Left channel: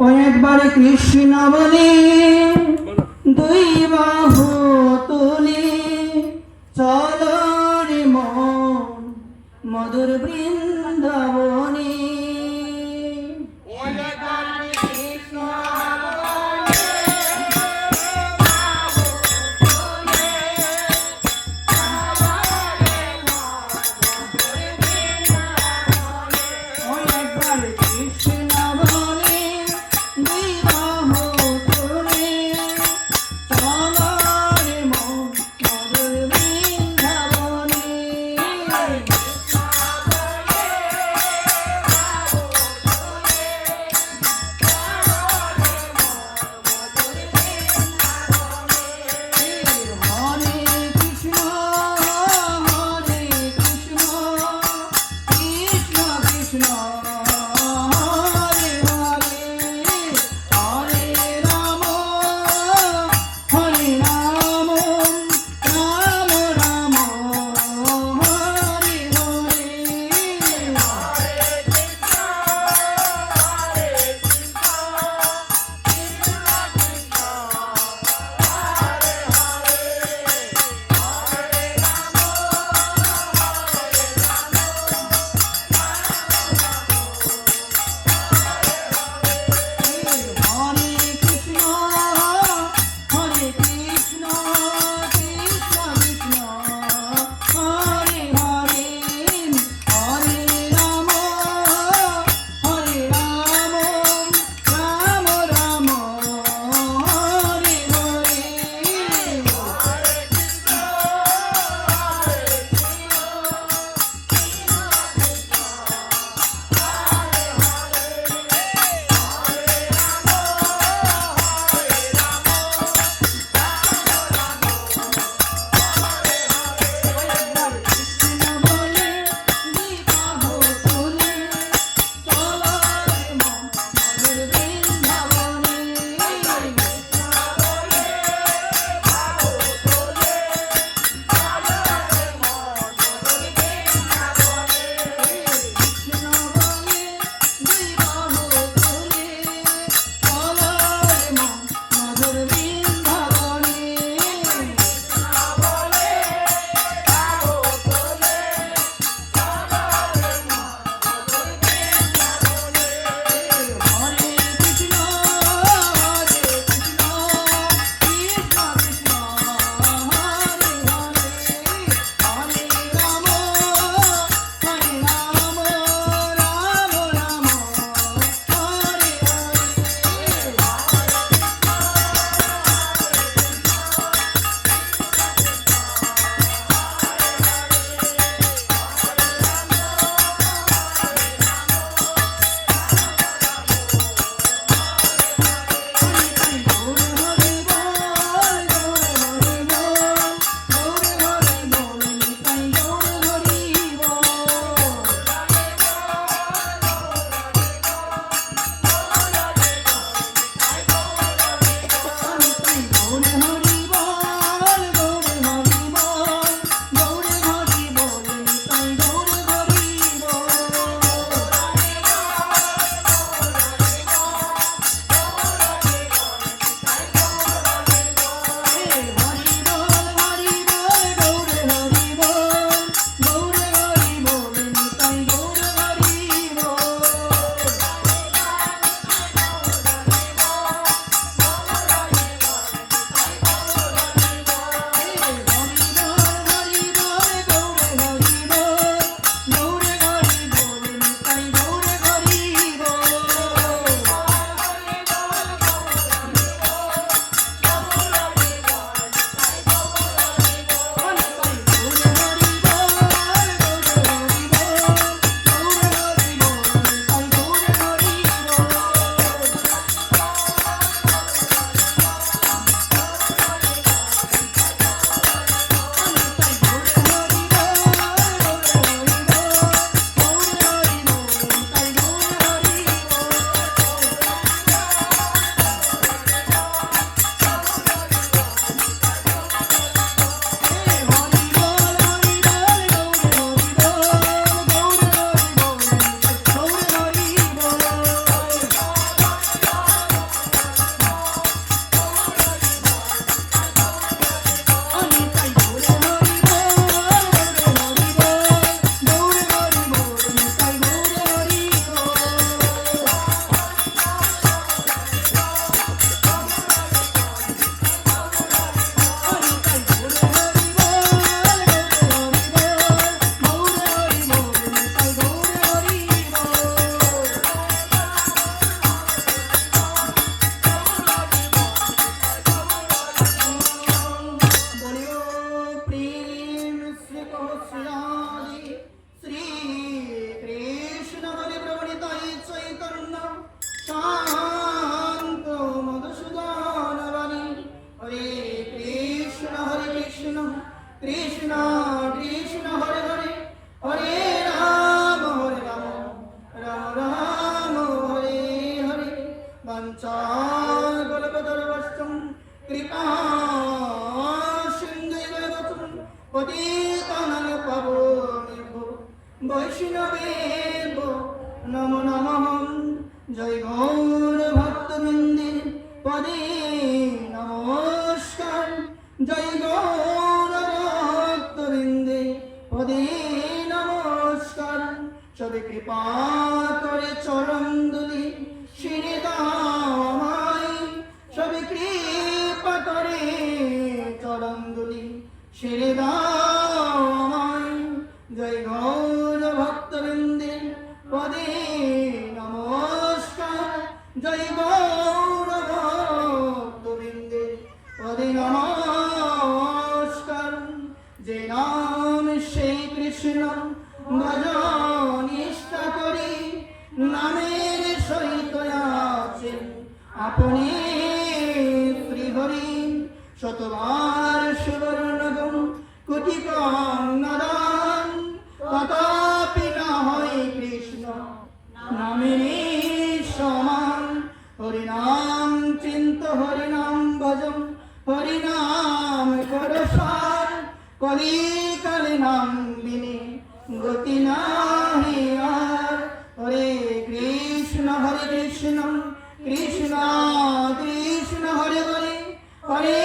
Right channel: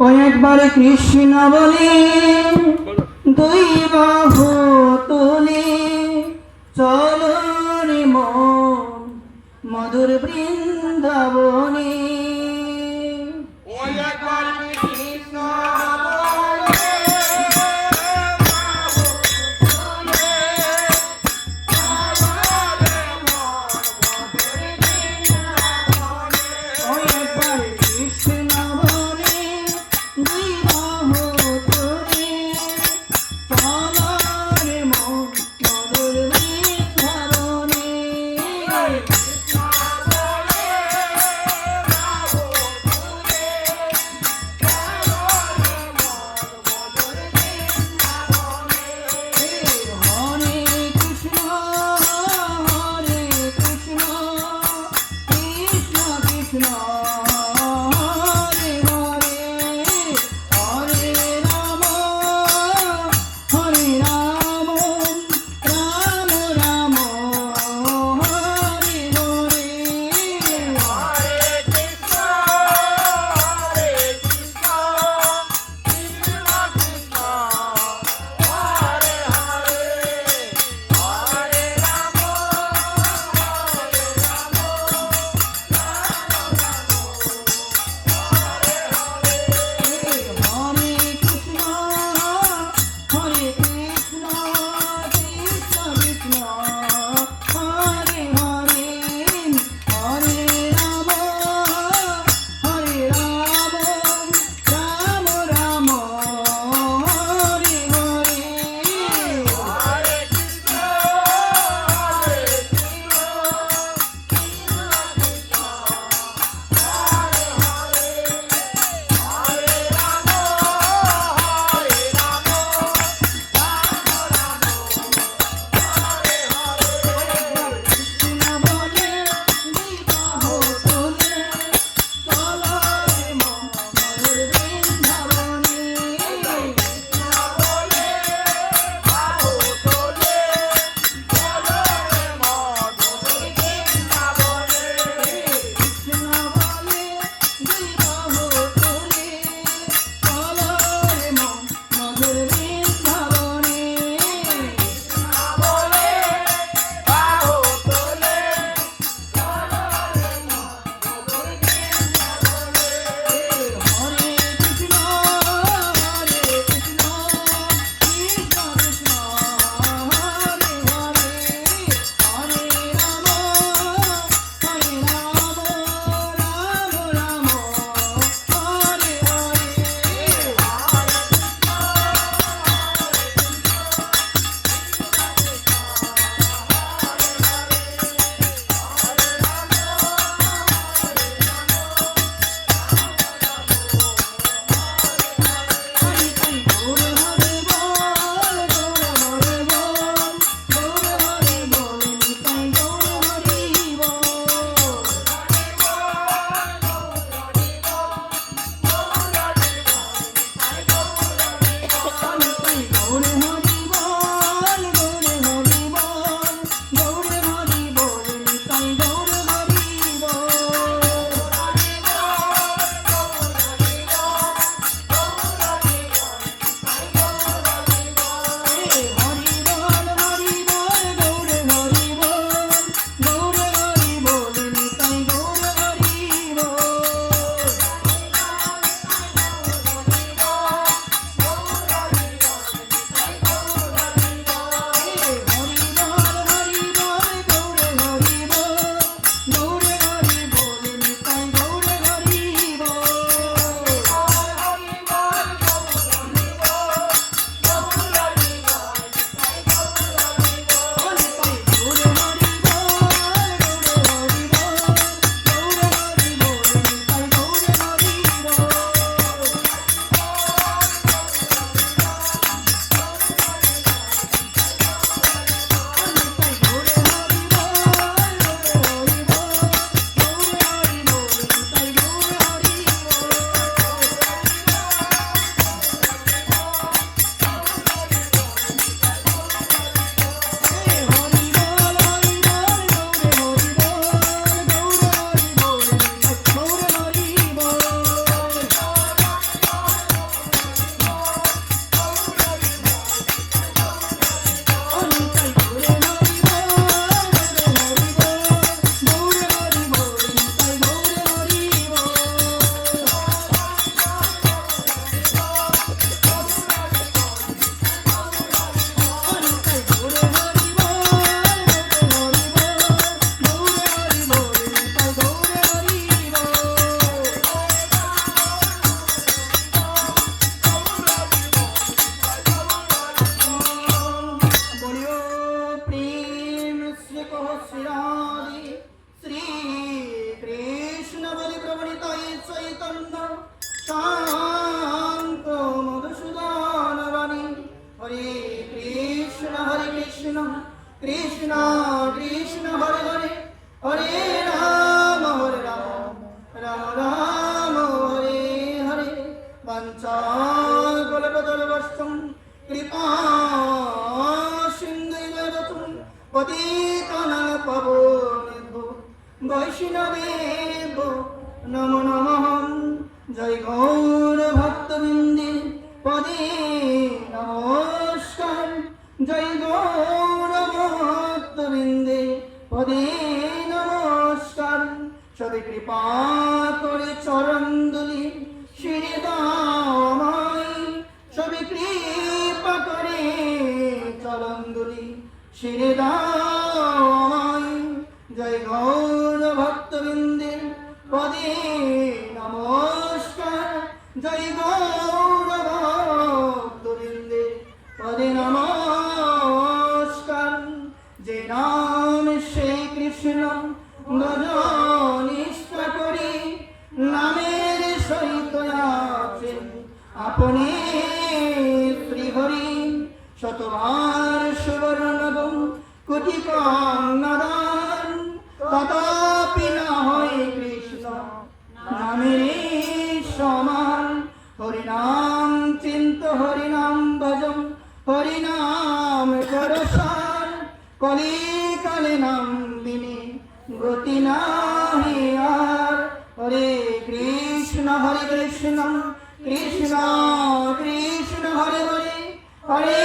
ও একবার কৃষ্ণ বলে দুই বাহু তুলে চলো রে মন মধুর বৃন্দাবনে। কৃষ্ণ কৃষ্ণ কৃষ্ণ হরে হরে হরে রাম রাম রাম হরে হরে বাঞ্ছাকল্পতরুশ্চম কৃপা সিন্ধুৈব পতিতানাং পাবনেভ্যো বৈষ্ণবেভ্যো নমো নমঃ জয় গৌর ভক্তবৃন্দে পদে নমস্কার জয় গৌর ভক্তবৃন্দে পদে নমস্কার সবে কৃপা করে চরণ দুলি শিরে দামাই সবে কৃপা করে চরণ দুলি শিরে দামাই জয় গৌর ভক্তবৃন্দে পদে নমস্কার জয় গৌর ভক্তবৃন্দে পদে নমস্কার যে নাম সে কৃষ্ণ ভজ নিষ্ঠা করি নামের সহিত আছে আপনি শ্রীহরি শতবার সুবর্ণগম কোটি কন্যাদান তথাপি না হয় কৃষ্ণ নামের সমান হরিনাম চিন্ত হরিনাম ভজম হরিনাম করসার কলি কালে নাম দিনে গতি নাহি আর হরে কৃষ্ণ কৃষ্ণ কৃষ্ণ হরে হরে হরে